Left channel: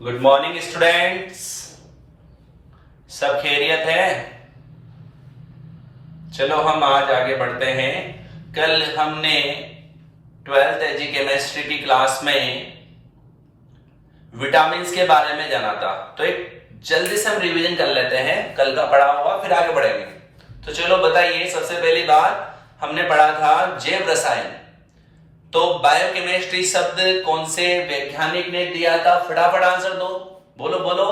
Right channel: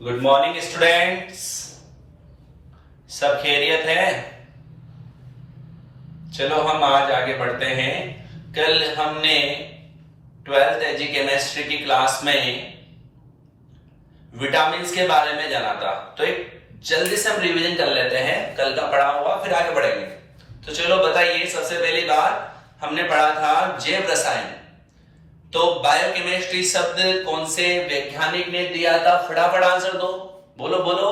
Good morning students. सब खैरियत है? चलो हम आज आगे बढ़ते हैं। कल हमने 12th एजी केमिस्ट्री की क्लास में विटामिन्स के बारे में जाना था, तो एक जल्दी से हम रिवीजन कर लेते हैं कल का पढ़ा हुआ, फिर आगे बढ़ेंगे। तो चलो बताइए, सबसे पहली बात हमने पढ़ा था जैव रसायन। तो बायोकेमिस्ट्री शब्द कौन से वैज्ञानिक ने दिया था? फटाफट आंसर दो, बोलो बोलो,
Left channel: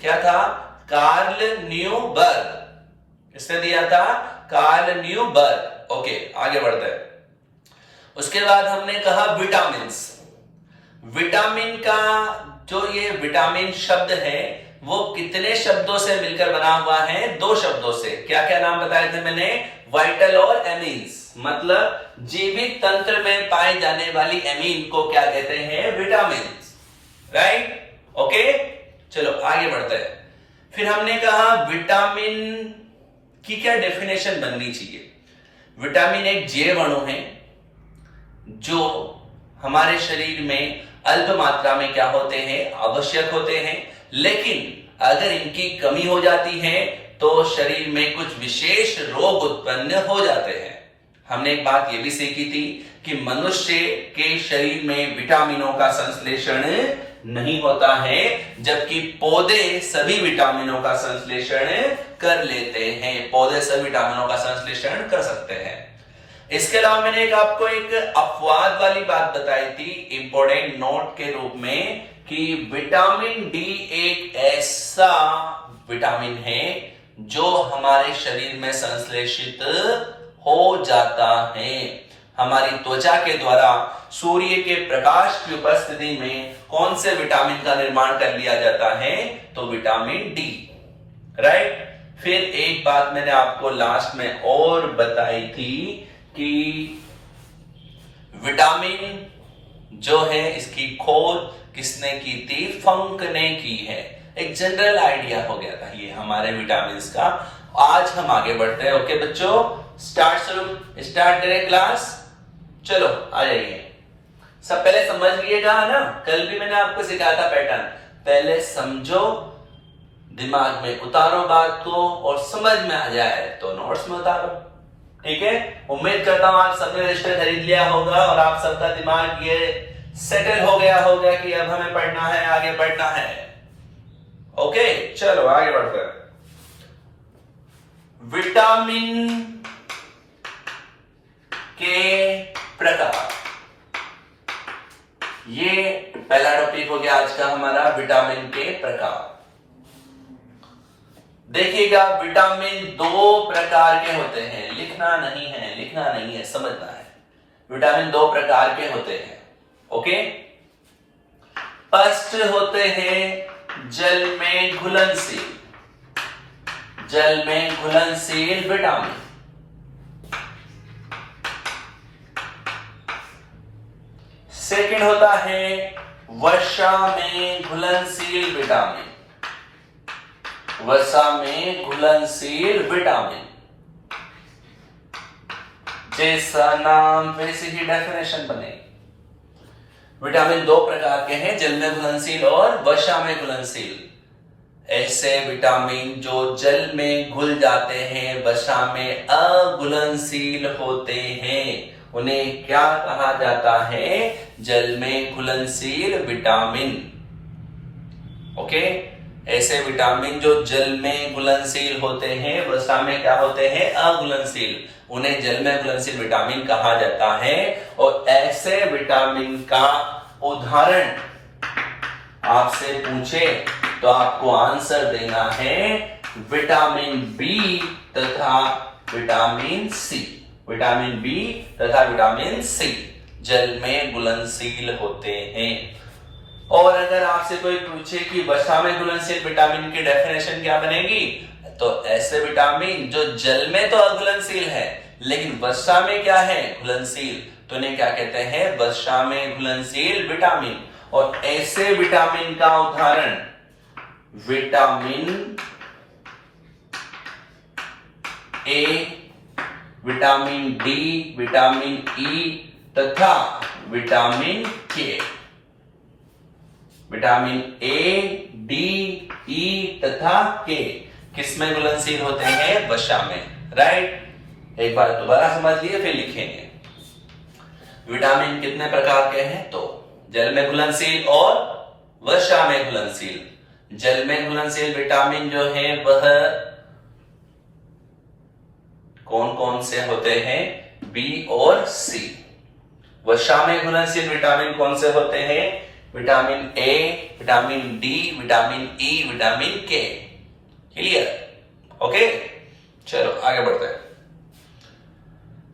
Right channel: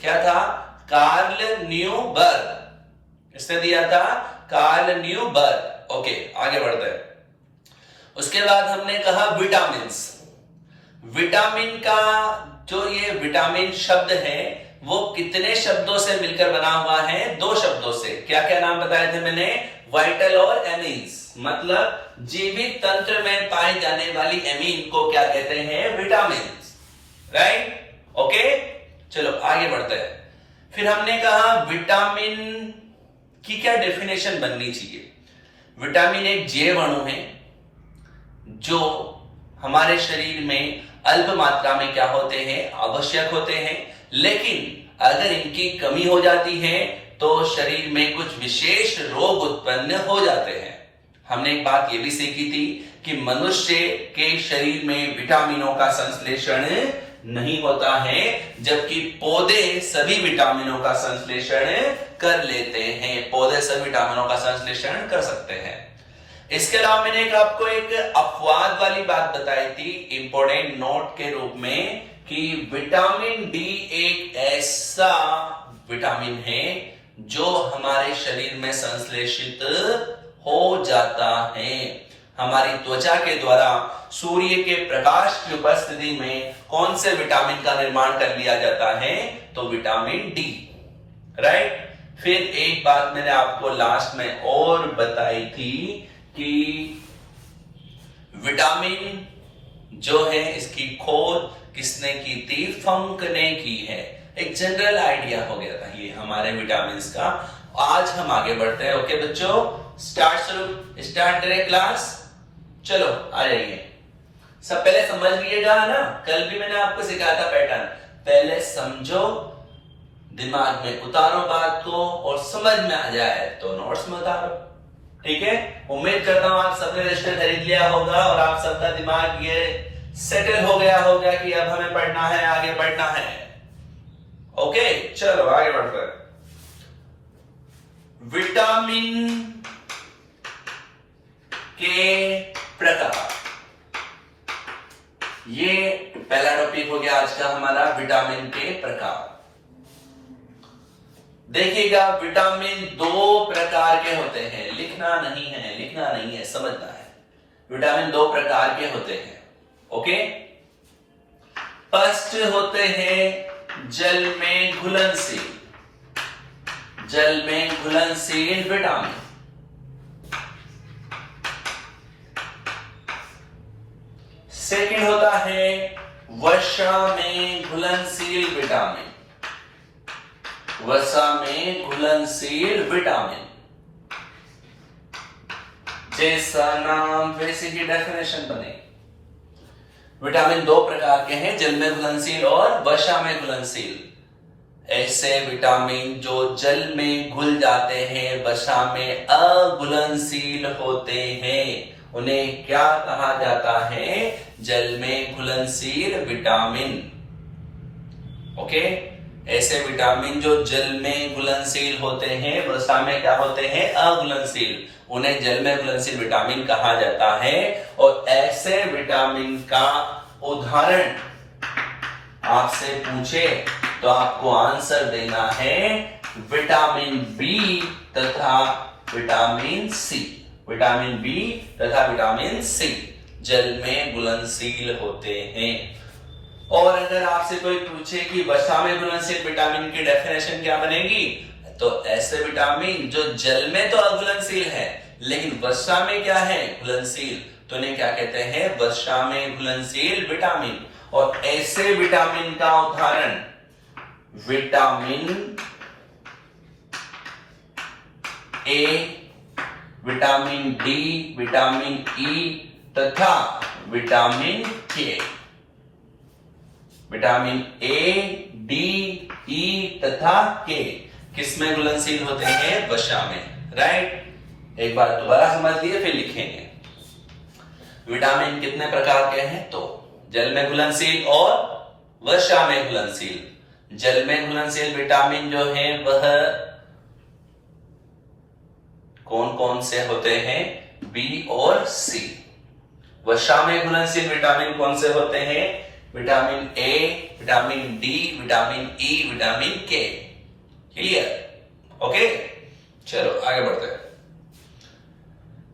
क्या था? Carl Neuberg. इसने दिया था कार्ल न्यूबर्ग। ओके, आगे बढ़ते हैं। उसके बाद हमने कहा विटामिन्स। विटामिन का जो ये विटामिन शब्द है वो कितने शब्दों से मिलकर बना हुआ है? दो शब्दों से। क्या क्या नाम बताए थे मैंने? वाइटल और एमीन्स। मतलब जीवित तंत्र में पाई जाने वाली एमीन को क्या कहते हैं? विटामिन। राइट? ओके, चलो आगे बढ़ते हैं। फिर हमने कहा विटामिन की क्या डेफिनेशन बननी चाहिए। विटामिन एक जैव अणु है जो हमारे शरीर में अल्प मात्रा में क्या होते हैं? आवश्यक होते हैं, लेकिन अगर इनकी कमी हो जाती है तो शरीर में कुछ विशेष रोग उत्पन्न हो जाते हैं। हमने एक बात ये भी सीखी थी कि मनुष्य के शरीर में विटामिनों का संश्लेषण नहीं होता है, जबकि पौधे सभी विटामिनों का संश्लेषण कर लेते हैं। पौधे सभी विटामिनों का संश्लेषण कर सकते हैं। इसके अलावा मैंने आपको एक अपवाद वाली बात बताई थी इंपॉर्टेंट नोट के रूप में कि विटामिन डी एक ऐसा विटामिन है जो हमारे शरीर में संश्लेषित हो जाता है। हमारी त्वचा के द्वारा सूर्य के प्रकाश की उपस्थिति में कौन से विटामिन का निर्माण कर लिया जाता है? तो विटामिन डी। राइट? फिर एक बात मैंने आपको लास्ट में और बताई थी कि विटामिन जो है इसकी खोज किसने की थी? फंक ने की है। एक जनरल आइडिया हो गया था ये हमारे विटामिन का। आज हम आगे बढ़ते हैं। ओके बच्चों, स्टार्ट करें क्लास। चलो आ जाइए। सब पहले समझ लीजिएगा ना, कल भी मैंने आपको सिखाया था पैटर्न। पहले समझो, दिमाग में उतारो बात को, और समझ में आ जाए तो नोट्स में उतारो। ठीक है? उम्मीद करता हूं आप सबने रजिस्टर खरीद लिया होगा और आप सबका दिमाग ये सेटल हो गया होगा कि अब हमें पढ़ना है, आगे बढ़ना है। ओके, चलो आगे बढ़ते हैं। विटामिन के प्रकार, ये पहला टॉपिक हो गया आज का हमारा, विटामिन के प्रकार। देखिएगा, विटामिन दो प्रकार के होते हैं। लिखना नहीं है, समझना है। विटामिन दो प्रकार के होते हैं। ओके, फर्स्ट होते हैं जल में घुलनशील विटामिन। सेकंड होता है वसा में घुलनशील विटामिन। जैसा नाम वैसे ही डेफिनेशन बने। विटामिन दो प्रकार के हैं, जल में घुलनशील और वसा में घुलनशील। ऐसे विटामिन जो जल में घुल जाते हैं, वसा में अघुलनशील होते हैं, उन्हें क्या कहा जाता है? जल में घुलनशील विटामिन। ओके, ऐसे विटामिन जो जल में घुलनशील होते हैं, वसा में क्या होते हैं? अघुलनशील, उन्हें जल में घुलनशील विटामिन कहा जाता है। और ऐसे विटामिन का उदाहरण आपसे पूछे तो आपको आंसर देना है विटामिन बी तथा विटामिन सी। विटामिन बी तथा विटामिन सी जल में घुलनशील होते हैं। और अगर आपसे कोई पूछे कि वसा में घुलनशील विटामिन की डेफिनेशन क्या बनेगी, तो ऐसे विटामिन जो जल में तो अघुलनशील है लेकिन वसा में क्या है? घुलनशील, तो इन्हें क्या कहते हैं? वसा में घुलनशील विटामिन। और ऐसे विटामिन का उदाहरण vitamin A, vitamin D, vitamin E तथा विटामिन के। विटामिन ए, डी, ई तथा के किसमें घुलनशील होते हैं? वसा में। राइट, एक बार दोबारा समझ लिए फिर लिखेंगे। विटामिन कितने प्रकार के हैं? तो जल में घुलनशील और वसा में घुलनशील। जल में घुलनशील विटामिन जो है वह कौन कौन से होते हैं? बी और सी। वसा में घुलनशील विटामिन कौन से होते हैं? Vitamin A, vitamin D, vitamin E, vitamin के। क्लियर? ओके, चलो आगे बढ़ते हैं।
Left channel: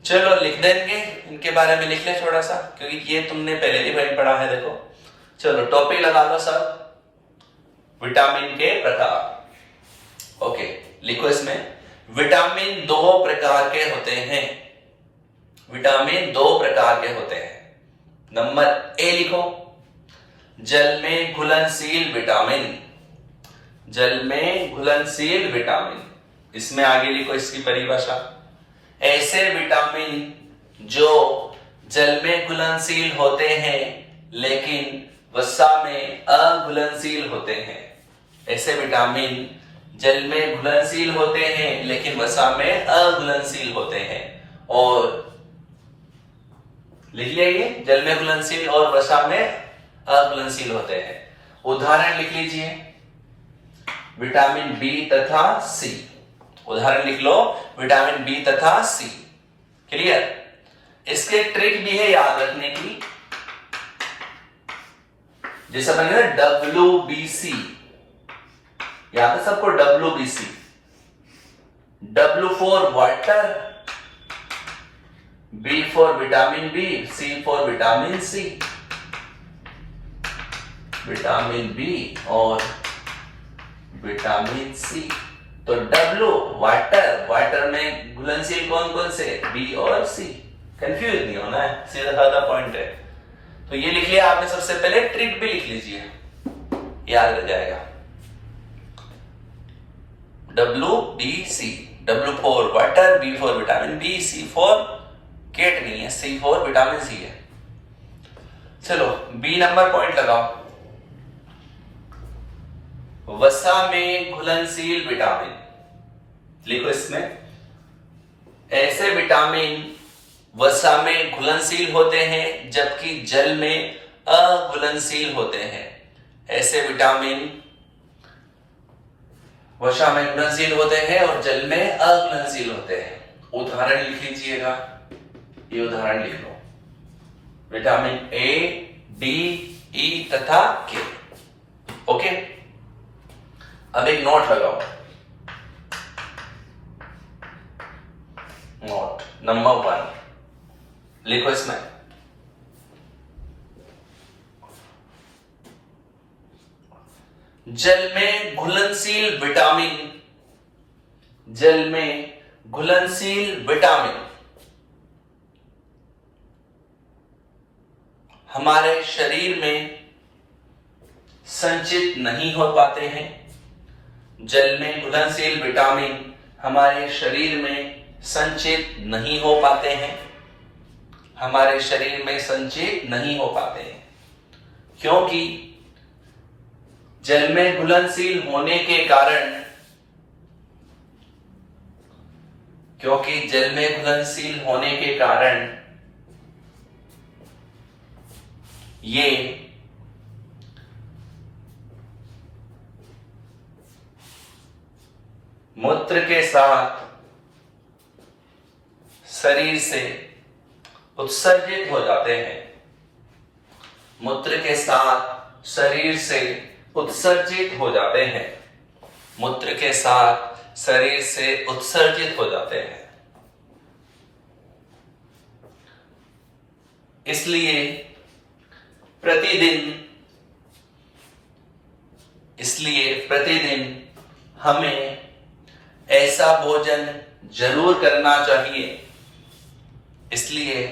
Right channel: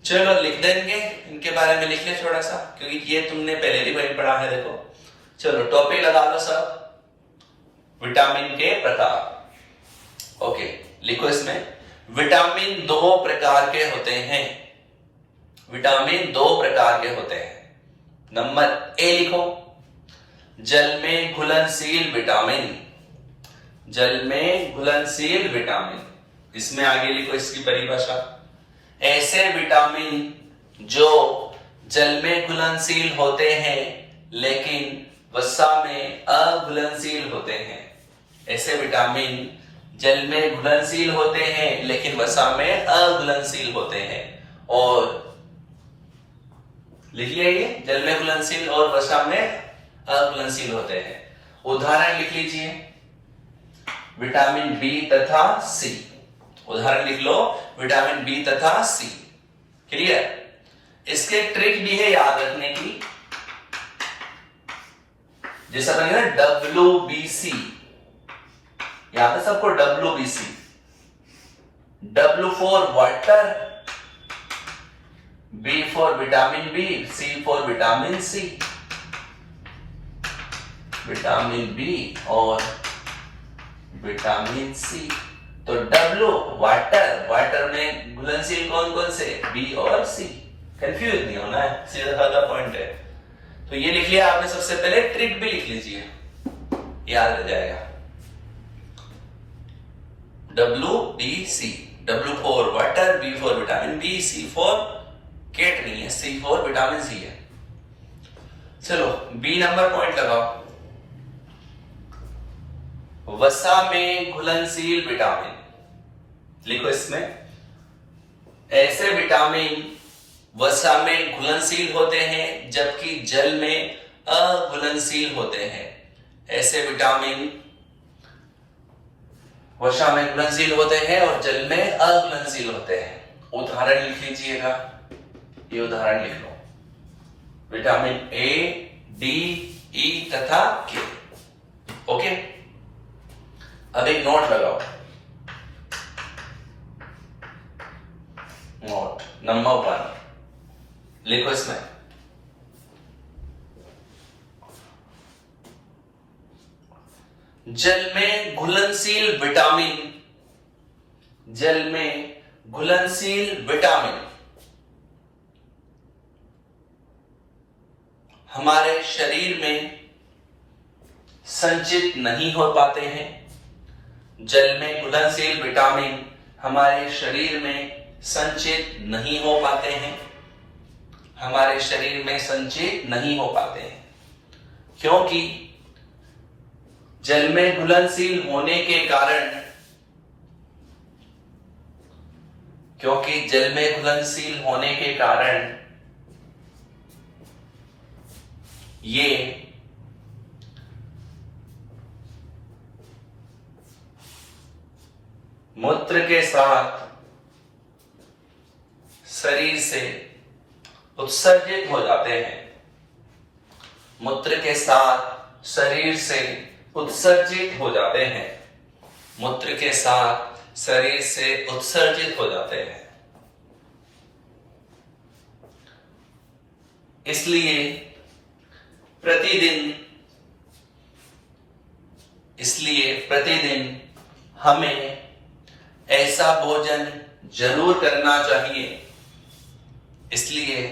चलो लिख देंगे, इनके बारे में लिख ले थोड़ा सा, क्योंकि ये तुमने पहले भी पढ़ा है। देखो, चलो टॉपिक लगा लो सब, विटामिन के प्रकार। ओके, लिखो इसमें विटामिन दो प्रकार के होते हैं। विटामिन दो प्रकार के होते हैं। नंबर ए लिखो, जल में घुलनशील विटामिन। जल में घुलनशील विटामिन, इसमें आगे लिखो इसकी परिभाषा। ऐसे विटामिन जो जल में घुलनशील होते हैं लेकिन वसा में अघुलनशील होते हैं। ऐसे विटामिन जल में घुलनशील होते हैं लेकिन वसा में अघुलनशील होते हैं। और लिख लिया, जल में घुलनशील और वसा में अघुलनशील होते हैं। उदाहरण लिख लीजिए, विटामिन बी तथा सी। उदाहरण लिख लो, विटामिन बी तथा सी। क्लियर? इसके ट्रिक भी है याद रखने की, जैसे बनेगा WBC, याद है सबको? WBC, W for water, B for vitamin B, C for vitamin C. Vitamin B और विटामिन सी। तो W वाटर, वाटर में घुलनशील कौन कौन से? बी और सी। कंफ्यूज नहीं होना है, सीधा साधा पॉइंट है। तो ये लिख लिया आपने। सबसे पहले ट्रिक भी लिख लीजिए, याद रह जाएगा। WBC, W for water, B for vitamin B, C for cat नहीं है, C फॉर विटामिन सी है। चलो बी नंबर पॉइंट लगाओ, वसा में घुलनशील विटामिन। लिखो इसमें, ऐसे विटामिन वसा में घुलनशील होते हैं जबकि जल में अघुलनशील होते हैं। ऐसे विटामिन वसा में घुलनशील होते हैं और जल में अघुलनशील होते हैं। उदाहरण लिख लीजिएगा, ये उदाहरण लिख लो, विटामिन ए, डी, ई तथा के। ओके, अब एक नोट लगाओ। नोट नंबर 1 लिखो इसमें, जल में घुलनशील विटामिन। जल में घुलनशील विटामिन हमारे शरीर में संचित नहीं हो पाते हैं। जल में घुलनशील विटामिन हमारे शरीर में संचित नहीं हो पाते हैं। हमारे शरीर में संचित नहीं हो पाते हैं क्योंकि जल में घुलनशील होने के कारण, क्योंकि जल में घुलनशील होने के कारण ये मूत्र के साथ शरीर से उत्सर्जित हो जाते हैं। मूत्र के साथ शरीर से उत्सर्जित हो जाते हैं। मूत्र के साथ शरीर से उत्सर्जित हो जाते हैं। इसलिए प्रतिदिन हमें ऐसा भोजन जरूर करना चाहिए। इसलिए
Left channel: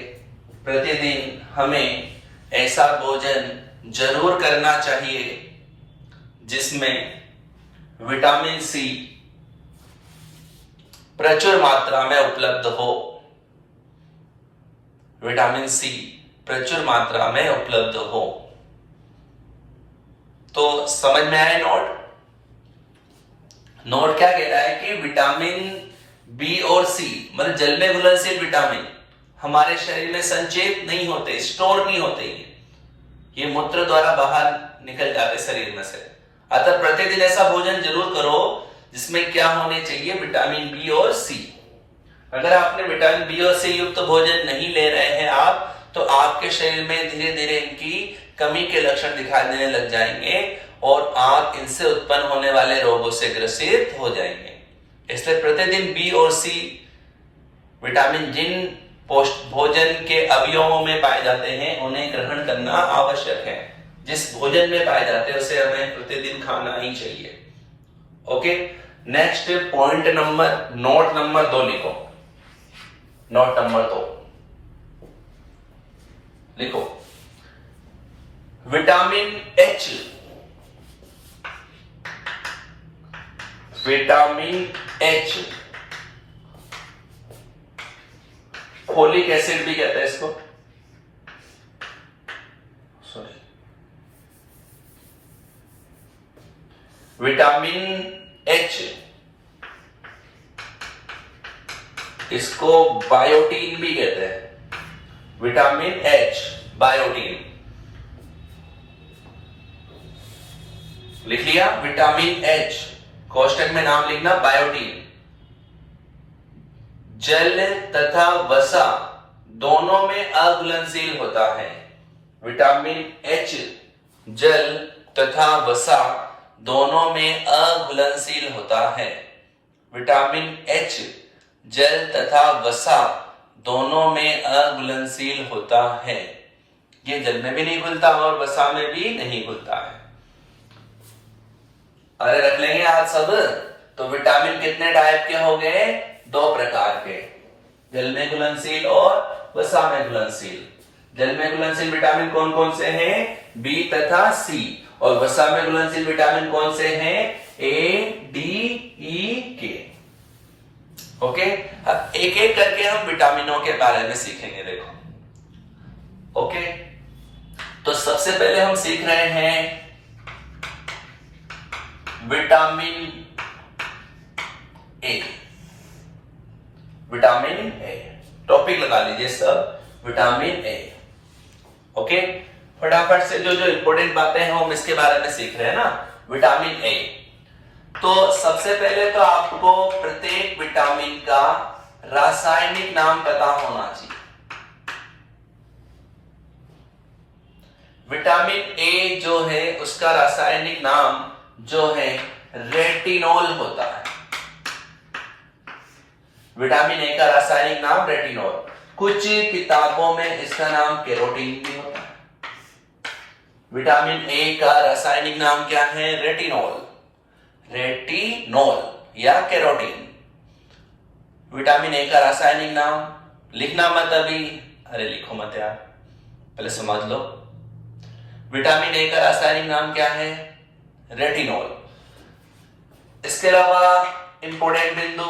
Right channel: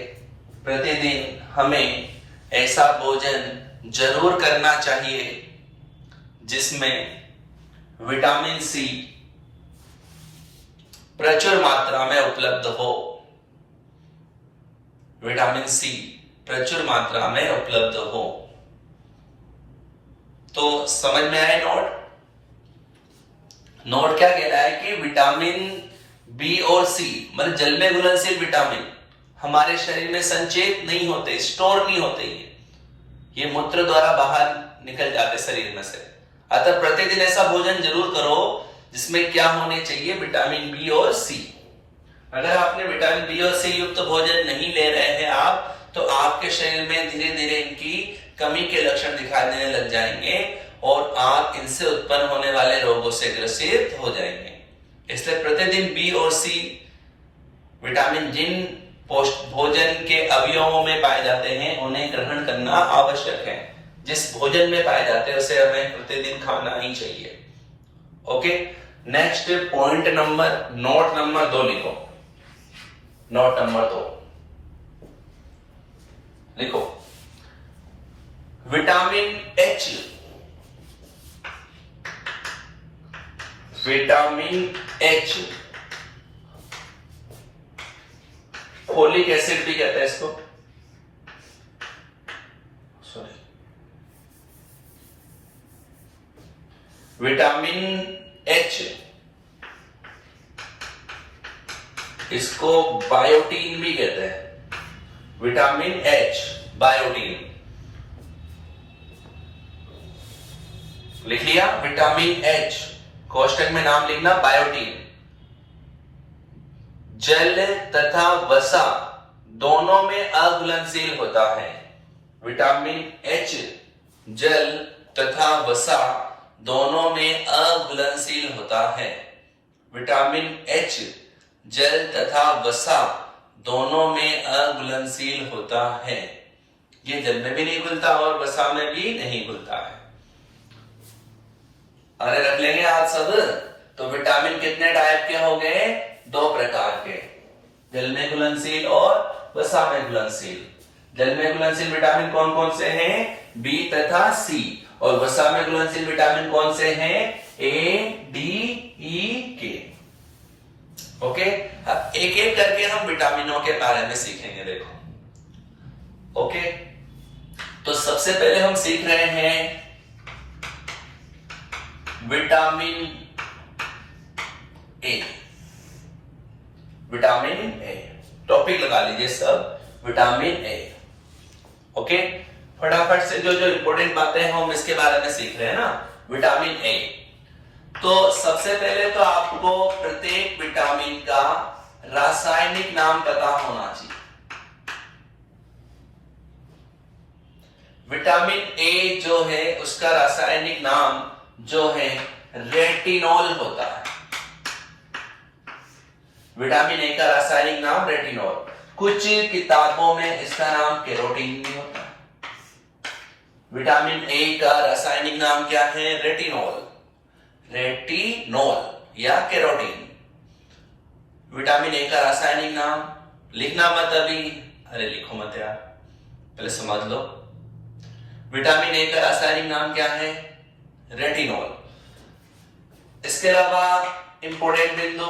प्रतिदिन हमें ऐसा भोजन जरूर करना चाहिए जिसमें विटामिन सी प्रचुर मात्रा में उपलब्ध हो। विटामिन सी प्रचुर मात्रा में उपलब्ध हो। तो समझ में आया नोट? नोट क्या कह रहा है कि विटामिन बी और सी मतलब जल में घुलनशील विटामिन हमारे शरीर में संचयित नहीं होते, स्टोर नहीं होते, ये मूत्र द्वारा बाहर निकल जाते शरीर में से। अतः प्रतिदिन ऐसा भोजन जरूर करो जिसमें क्या होने चाहिए, विटामिन बी और सी। अगर आपने विटामिन बी और सी युक्त भोजन नहीं ले रहे हैं आप, तो आपके शरीर में धीरे धीरे इनकी कमी के लक्षण दिखाई देने लग जाएंगे और आप इनसे उत्पन्न होने वाले रोगों से ग्रसित हो जाएंगे। इसलिए प्रतिदिन बी और सी विटामिन जिन भोजन के अवयवों में पाए जाते हैं उन्हें ग्रहण करना आवश्यक है। जिस भोजन में पाए जाते हैं उसे हमें प्रतिदिन खाना ही चाहिए। Okay, next point number, note number 2 लिखो। नोट नंबर 2 लिखो, vitamin H, vitamin H, folic acid भी कहते हैं इसको, सॉरी, विटामिन एच, इसको बायोटीन भी कहते हैं। विटामिन एच, बायोटीन, लिख लिया? विटामिन एच, कोष्टक में नाम लिखना बायोटीन। जल तथा वसा दोनों में अघुलनशील होता है। विटामिन एच जल तथा वसा दोनों में अघुलनशील होता है। विटामिन एच जल तथा वसा दोनों में अघुलनशील होता है। ये जल में भी नहीं घुलता और वसा में भी नहीं घुलता है। अरे रख लेंगे आज सब। तो विटामिन कितने टाइप के हो गए? 2 प्रकार के, जल में घुलनशील और वसा में घुलनशील। जल में घुलनशील विटामिन कौन कौन से हैं? बी तथा सी। और वसा में घुलनशील विटामिन कौन से हैं? ए, डी, ई, के। ओके, अब एक एक करके हम विटामिनों के बारे में सीखेंगे। देखो, ओके, तो सबसे पहले हम सीख रहे हैं vitamin A. Vitamin A, topic लगा लीजिए सब, विटामिन ए। ओके, फटाफट से जो जो इंपॉर्टेंट बातें हैं हम इसके बारे में सीख रहे हैं ना। विटामिन ए, तो सबसे पहले तो आपको प्रत्येक विटामिन का रासायनिक नाम पता होना चाहिए। विटामिन ए जो है उसका रासायनिक नाम जो है रेटिनॉल होता है। विटामिन ए का रासायनिक नाम रेटिनॉल। कुछ किताबों में इसका नाम कैरोटीन भी होता है। विटामिन ए का रासायनिक नाम क्या है? रेटिनॉल, रेटिनॉल या कैरोटीन। विटामिन ए का रासायनिक नाम लिखना मत अभी, अरे लिखो मत यार, पहले समझ लो। विटामिन ए का रासायनिक नाम क्या है? रेटिनॉल। इसके अलावा इंपॉर्टेंट बिंदु,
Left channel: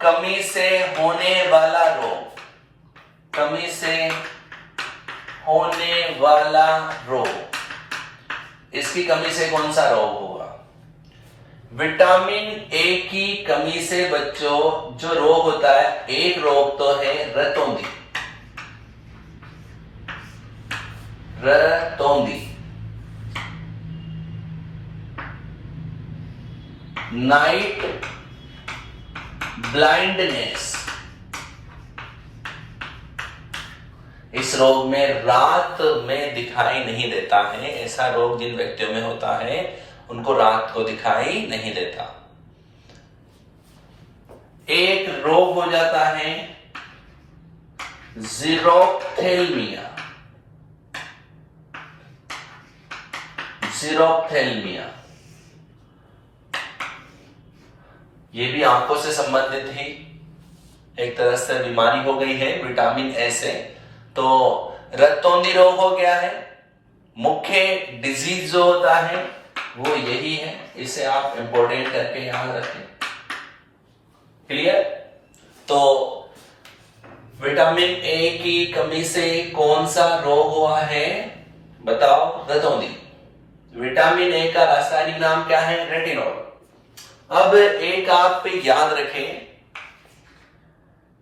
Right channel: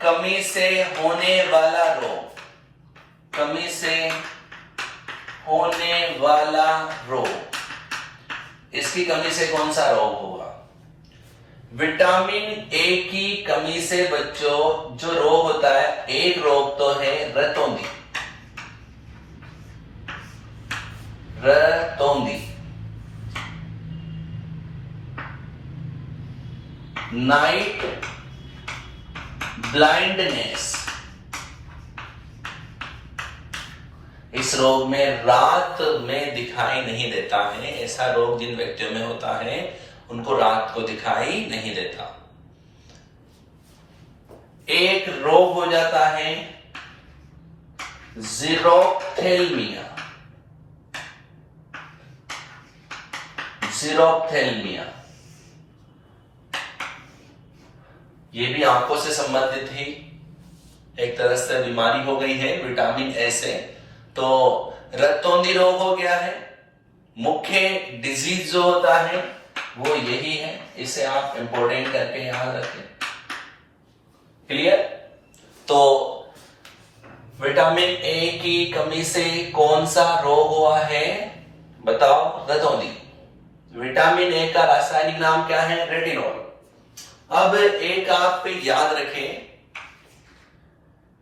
कमी से होने वाला रोग, कमी से होने वाला रोग, इसकी कमी से कौन सा रोग होगा? विटामिन ए की कमी से बच्चों जो रोग होता है, एक रोग तो है रतौंधी। रतौंधी, नाइट ब्लाइंडनेस। इस रोग में रात में दिखाई नहीं देता है। ऐसा रोग जिन व्यक्तियों में होता है उनको रात को दिखाई नहीं देता। एक रोग हो जाता है जीरोप्थेल्मिया। जीरोप्थेल्मिया, ये भी आंखों से संबंधित ही एक तरह से बीमारी हो गई है विटामिन ए से। तो रक्तौंधी रोग हो गया है। मुख्य डिजीज जो होता है वो यही है, इसे आप इंपॉर्टेंट करके याद रखें। क्लियर? तो विटामिन ए की कमी से कौन सा रोग हुआ है बताओ? रतौंधी। विटामिन ए का रासायनिक नाम क्या है? रेटिनॉल। अब एक आप याद रखें,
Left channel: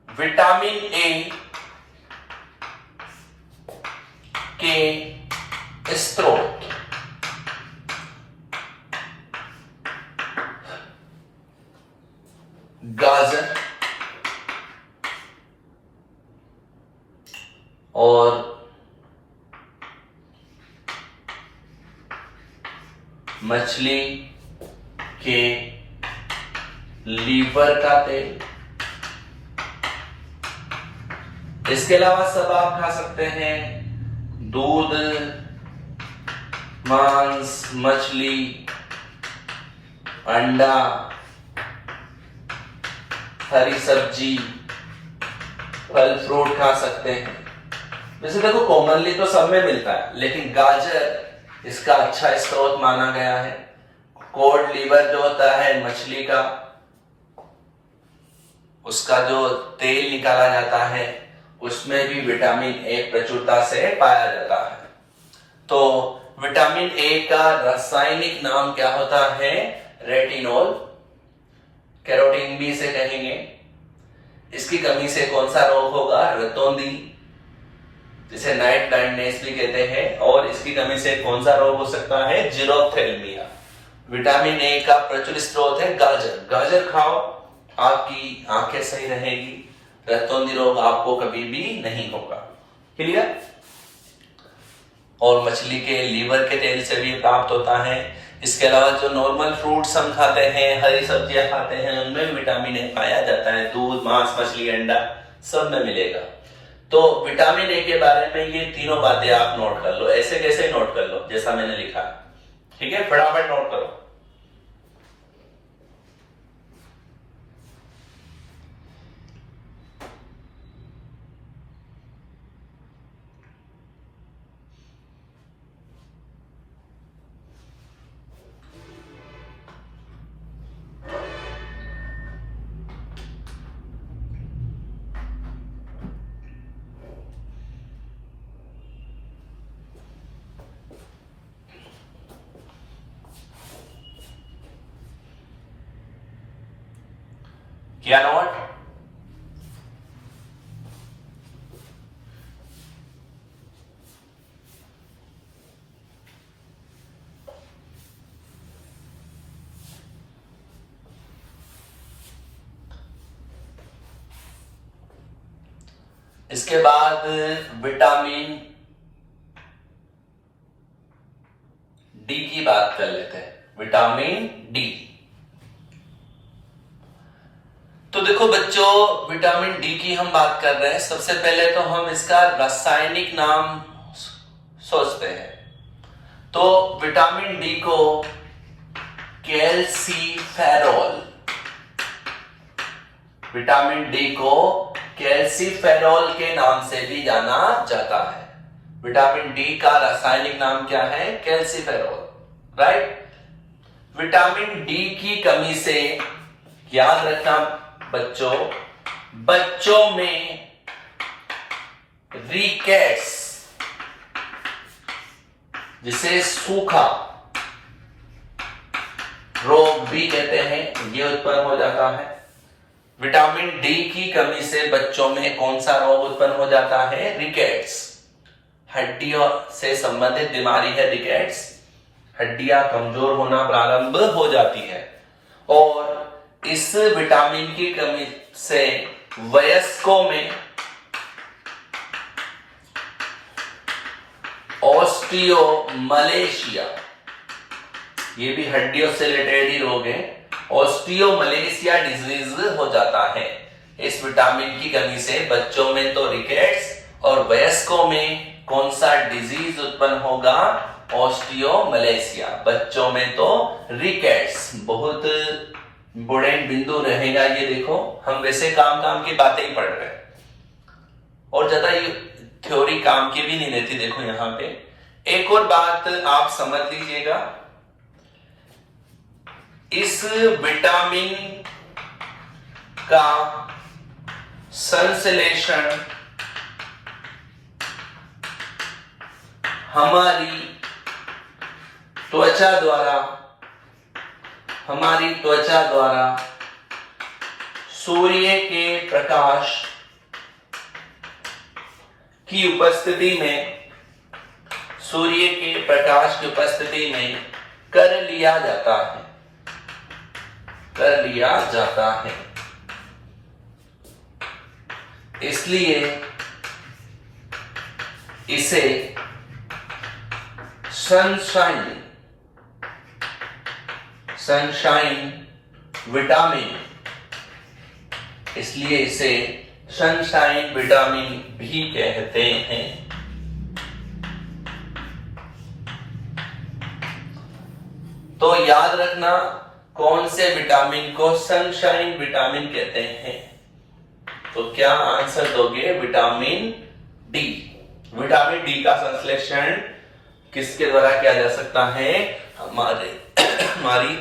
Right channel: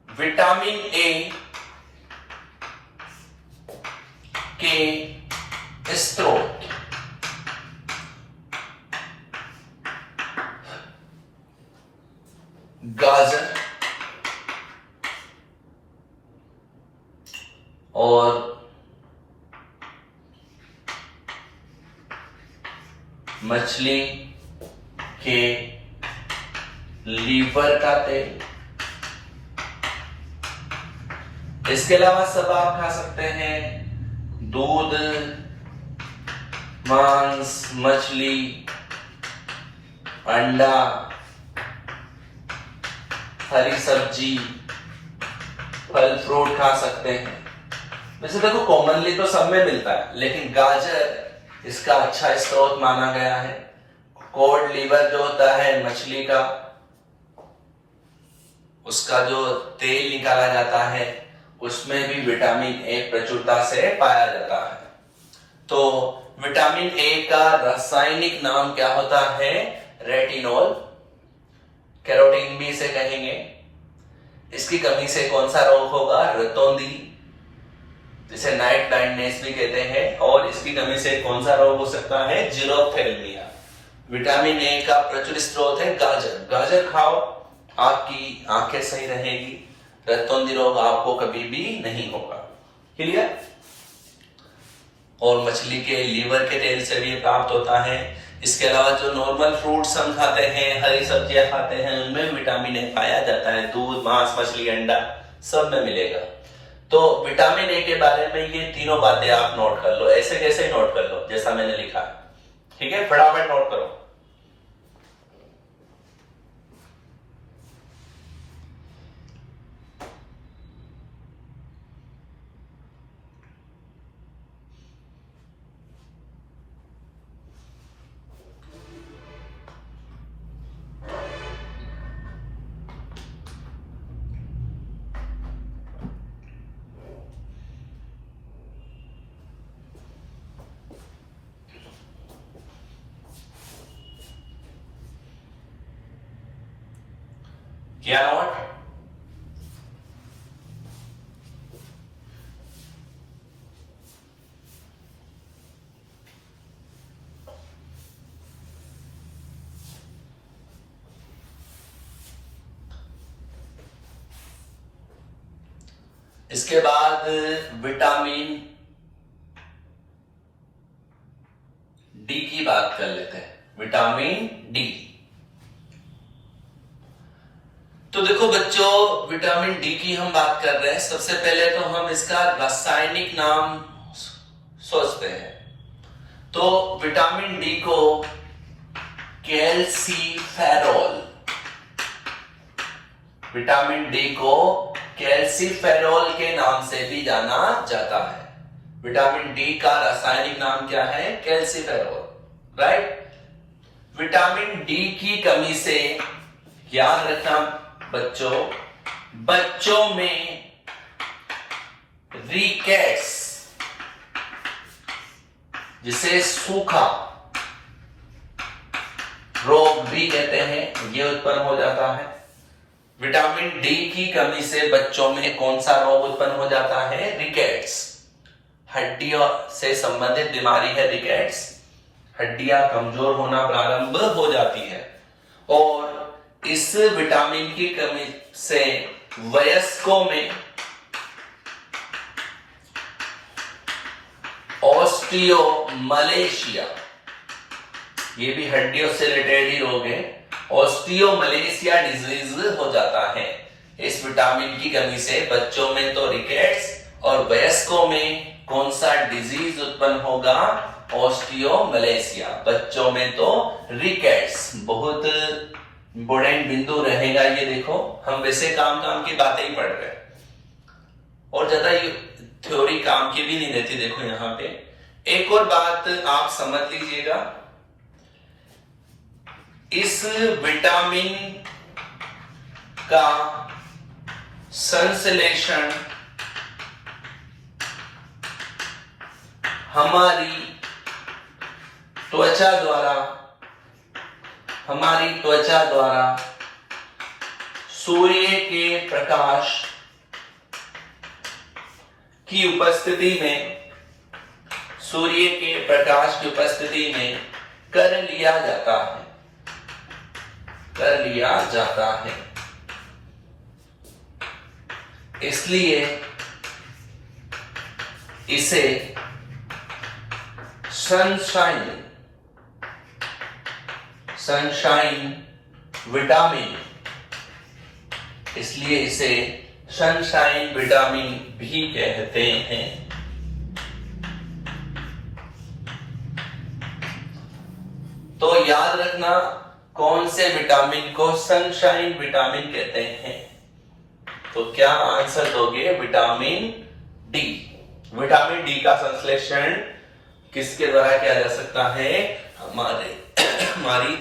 विटामिन ए के स्रोत गाजर और मछली के लीवर का तेल। इसके अलावा सब आप खा सकते हैं, दूध, मांस, मछली, अंडा, हरी सब्जी, फल फ्रूट खा सकते हैं। वैसे देखो कॉमनली तो सब में मिलता है, लेकिन गाजर इसका अच्छा स्रोत माना गया है। कॉड लीवर जो होता है मछली का, उसका जो तेल निकाला जाता है उसमें भी विटामिन ए प्रचुरता से पाया जाता है। तो विटामिन ए का रासायनिक नाम क्या होता है? रेटिनॉल। कैरोटीन भी इसे कहेंगे। इसकी कमी से कौन सा रोग होगा? रतौंधी, जिसे नाइट ब्लाइंडनेस भी कहते हैं। और इसकी कमी से कौन सा रोग हो सकता है? जीरोफ्थेल्मिया। विटामिन ए का प्रचुर स्रोत है गाजर। गाजर खाओ, आपकी आंखें सही रहेगी, रतौंधी रोग आपको कभी भी नहीं होगा। क्लियर? और मछली के लीवर के तेल से भी प्राप्त होता है। इसके अलावा जो नॉर्मल फ्रूट्स हम खाते हैं, हरी सब्जियां खाते हैं, उनमें विटामिन ए पाया जाता है। दूध, मांस, मछली, अंडा सब में मिलेगा। तो विटामिन ए के बारे में ये तीनों बातें आप नोट कर लो, ऐसे कैसे नोट कर लो जैसा मैंने लिखा। ठीक है, फटाफट नोट करो। क्या नोट? इसके बाद विटामिन डी की बात कर लेते हैं। विटामिन डी, तो देखो बच्चों, विटामिन डी की हम बात कर रहे हैं। सबसे पहले तो हम इसका रासायनिक नाम सोचते हैं। तो विटामिन डी को कैल्सीफेरॉल, विटामिन डी को कैल्सीफेरॉल के नाम से भी जाना जाता है। विटामिन डी का रासायनिक नाम क्या है? Calciferol, right. विटामिन डी की कमी से याद रखना बच्चों, बच्चों में रिकेट्स, जिसे सूखा रोग भी कहते हैं, ये उत्पन्न हो जाता है। विटामिन डी की कमी से बच्चों में कौन सा रोग उत्पन्न हो जाता है? रिकेट्स। हड्डियों से संबंधित बीमारी है रिकेट्स। हड्डियां कमजोर होना प्रारंभ हो जाती है। और इस विटामिन की कमी से वयस्कों में ऑस्टियोमलेशिया, ये भी हड्डियों से रिलेटेड ही रोग है, ऑस्टियोमलेशिया डिजीज हो जाता है। इस विटामिन की कमी से बच्चों में तो रिकेट्स और वयस्कों में कौन सा डिजीज उत्पन्न होगा? ऑस्टियोमलेशिया। बच्चों में तो रिकेट्स। बहुत इंपोर्टेंट बिंदु रहेगा ये। देखो हम वैसे काम की बातें ही पढ़ रहे हैं और ज्यादा ये थ्योरी काम की भी नहीं रहती। देखो यहां पे एक और बात आप समझ लीजिएगा, इस विटामिन का संश्लेषण हमारी त्वचा द्वारा, हमारी त्वचा द्वारा सूर्य के प्रकाश की उपस्थिति में, सूर्य के प्रकाश की उपस्थिति में कर लिया जाता है, कर लिया जाता है। इसलिए इसे सनशाइन, सनशाइन विटामिन, इसलिए इसे सनशाइन विटामिन भी कहते हैं। तो याद रखना कौन से विटामिन को सनशाइन विटामिन कहते हैं। तो क्या आंसर दोगे? Vitamin D. विटामिन डी का संश्लेषण किसके द्वारा किया जा सकता है? हमारी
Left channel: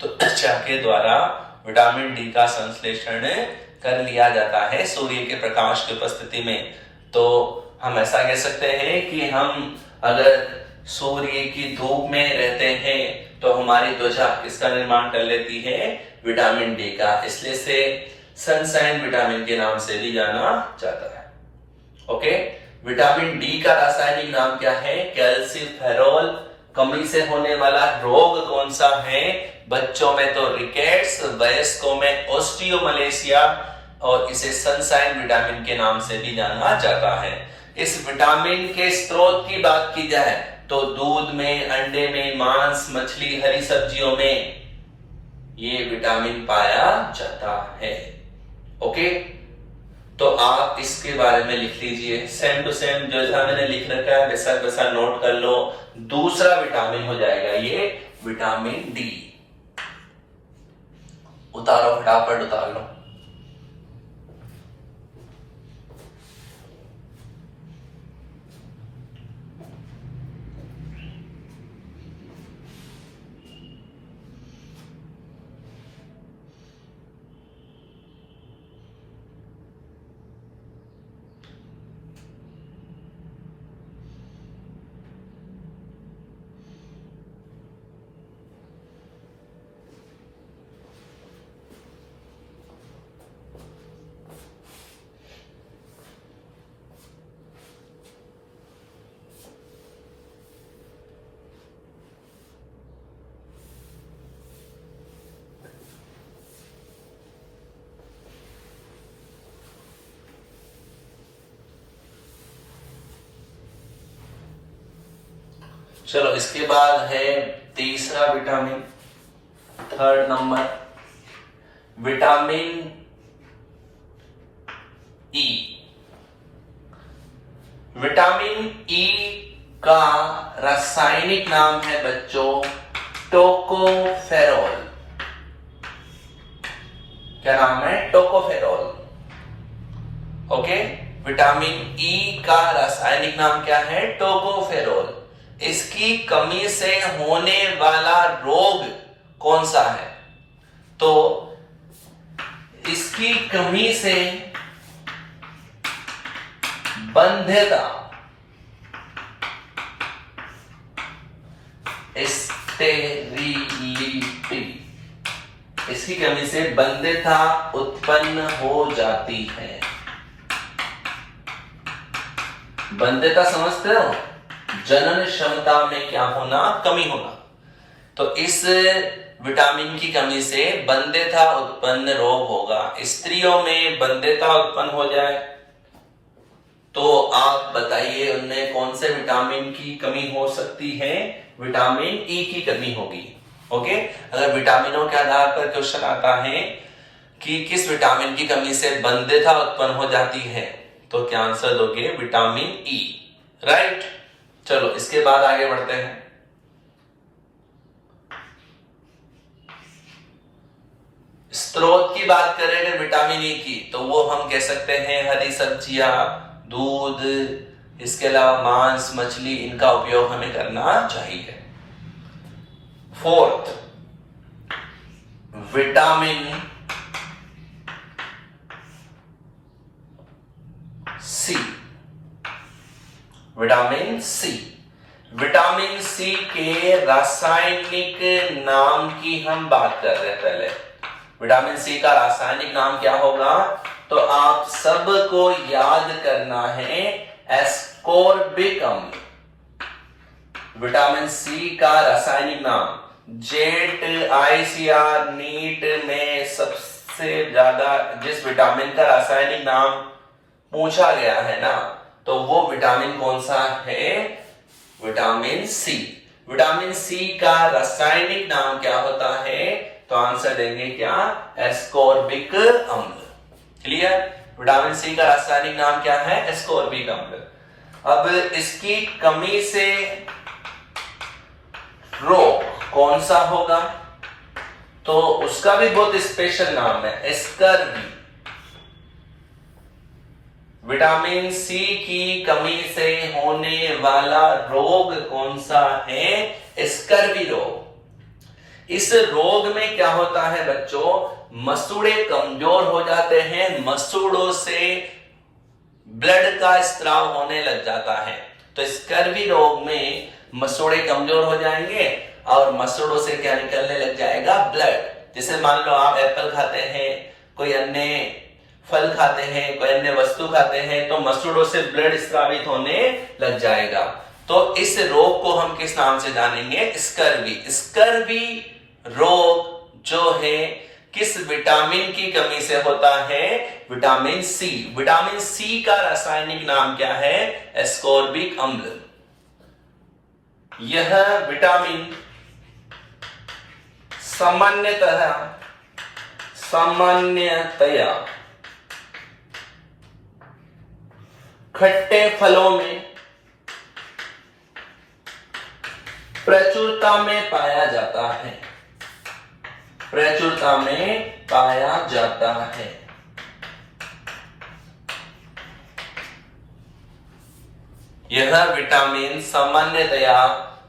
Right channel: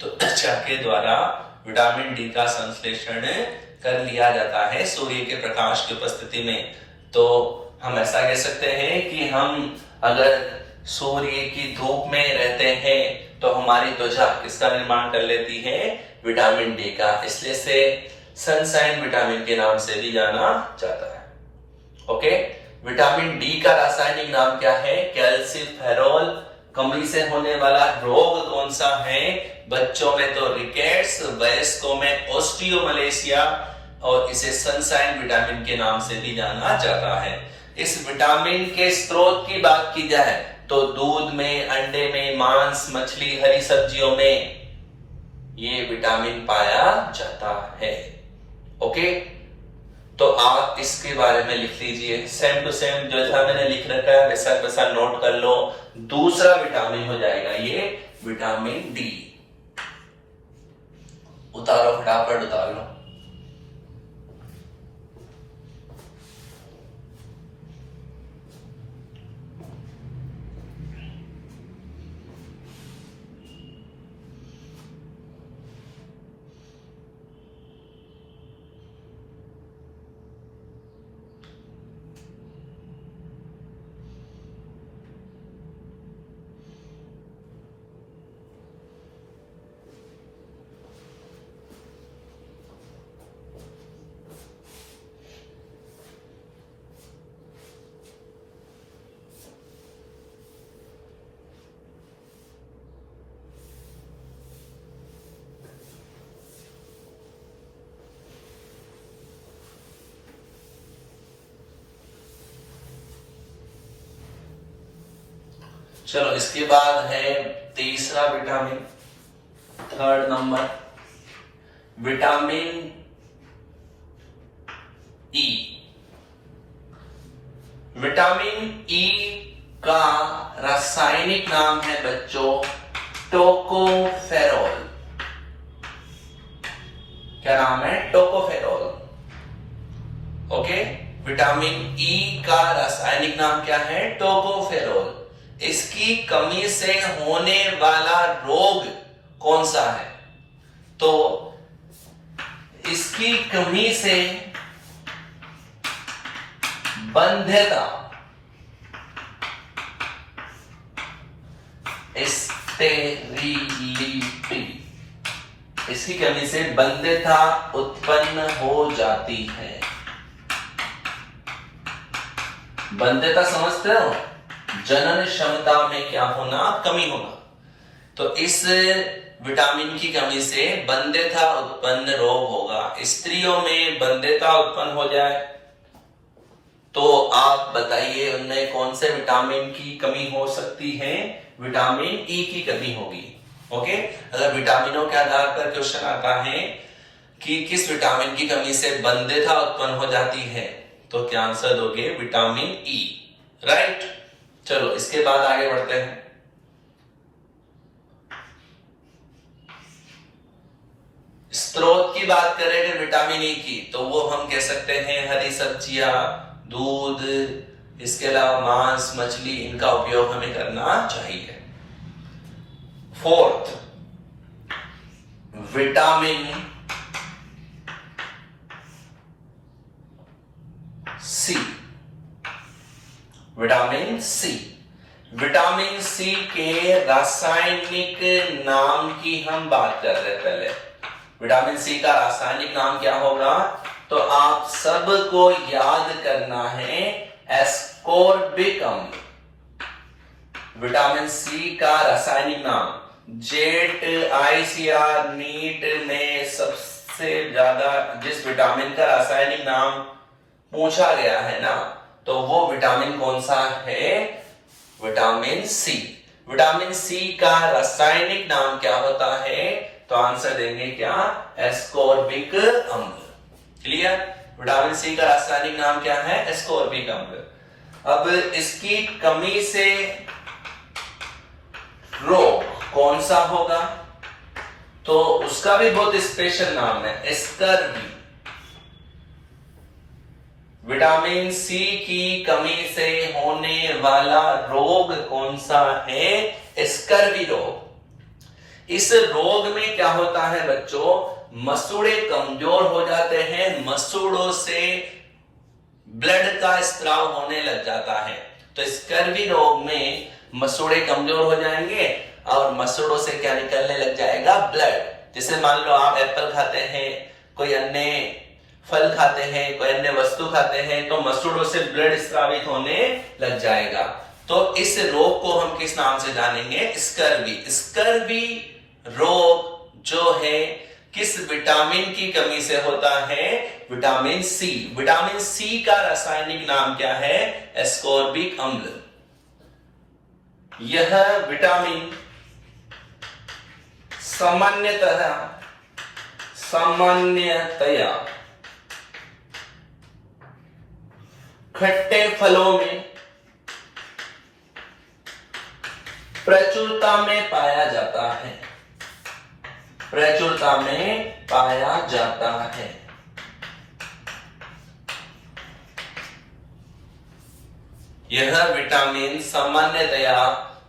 त्वचा के द्वारा विटामिन डी का संश्लेषण कर लिया जाता है सूर्य के प्रकाश की उपस्थिति में। तो हम ऐसा कह सकते हैं कि हम अगर सूर्य की धूप में रहते हैं तो हमारी त्वचा किसका निर्माण कर लेती है? विटामिन डी का। इसलिए से सनशाइन विटामिन के नाम से भी जाना जाता है। ओके, विटामिन डी का रासायनिक नाम क्या है? कैल्सीफेरॉल। कमी से होने वाला रोग कौन सा है? बच्चों में तो रिकेट्स, वयस्कों में ओस्टियोमलेशिया, और इसे सनशाइन विटामिन के नाम से भी जाना जाता है। इस विटामिन के स्रोत की बात की जाए तो दूध में, अंडे में, मांस, मछली, हरी सब्जियों में ये विटामिन पाया जाता है। ओके, तो आप इसके बारे में लिख लीजिए, सेम टू सेम जैसा मैंने लिख रखा है वैसा वैसा नोट कर लो। दूसरा विटामिन हो जाएगा ये विटामिन डी। उतारो, फटाफट उतार लो। चलो, इसके बाद है तीसरा vitamin, third number, vitamin E. Vitamin E का रासायनिक नाम है बच्चों टोकोफेरॉल। क्या नाम है? टोकोफेरॉल। ओके, विटामिन ई का रासायनिक नाम क्या है? टोकोफेरॉल। इसकी कमी से होने वाला रोग कौन सा है? तो इसकी कमी से बंध्यता, स्टेरिलिटी, इसकी कमी से बंध्यता उत्पन्न हो जाती है। बंध्यता समझते हो? जनन क्षमता में क्या होना? कमी होना। तो इस विटामिन की कमी से बंध्यता उत्पन्न रोग होगा। स्त्रियों में बंध्यता उत्पन्न हो जाए तो आप बताइए उनमें कौन से विटामिन की कमी हो सकती है? विटामिन ई की कमी होगी। ओके, अगर विटामिनों के आधार पर क्वेश्चन आता है कि किस विटामिन की कमी से बंध्यता उत्पन्न हो जाती है तो क्या आंसर दोगे? Vitamin E. राइट। चलो, इसके बाद आगे बढ़ते हैं। स्रोत की बात करें विटामिन ई की तो वो हम कह सकते हैं हरी सब्जियां, दूध, इसके अलावा मांस, मछली, इनका उपयोग हमें करना चाहिए। Fourth, vitamin C. Vitamin C, vitamin C के रासायनिक नाम की हम बात कर रहे हैं। पहले विटामिन सी का रासायनिक नाम क्या होगा, तो आप सबको याद करना है एस्कोर्बिक अम्ल। विटामिन सी का रासायनिक नाम, जेट आईसीआर नीट में सबसे ज्यादा जिस विटामिन का रासायनिक नाम पूछा गया है ना, तो वो विटामिन कौन सा है, विटामिन सी। विटामिन सी का रासायनिक नाम क्या होता है, तो आंसर देंगे क्या, एस्कोर्बिक अम्ल। क्लियर। विटामिन सी का रासायनिक नाम क्या है, एस्कोर्बिक अम्ल। अब इसकी कमी से रोग कौन सा होगा, तो उसका भी बहुत स्पेशल नाम है, स्कर्वी। विटामिन सी की कमी से होने वाला रोग कौन सा है, स्कर्वी रोग। इस रोग में क्या होता है बच्चों, मसूड़े कमजोर हो जाते हैं, मसूड़ों से ब्लड का स्त्राव होने लग जाता है। तो स्कर्वी रोग में मसूड़े कमजोर हो जाएंगे और मसूड़ों से क्या निकलने लग जाएगा, ब्लड। जैसे मान लो आप एप्पल खाते हैं, कोई अन्य फल खाते हैं, कोई अन्य वस्तु खाते हैं, तो मसूड़ों से ब्लड स्रावित होने लग जाएगा। तो इस रोग को हम किस नाम से जानेंगे, स्कर्वी। स्कर्वी रोग जो है किस विटामिन की कमी से होता है, विटामिन सी। विटामिन सी का रासायनिक नाम क्या है, एस्कोर्बिक अम्ल। यह विटामिन सामान्यतया खट्टे फलों में प्रचुरता में पाया जाता है, प्रचुरता में पाया जाता है। यह विटामिन सामान्यतया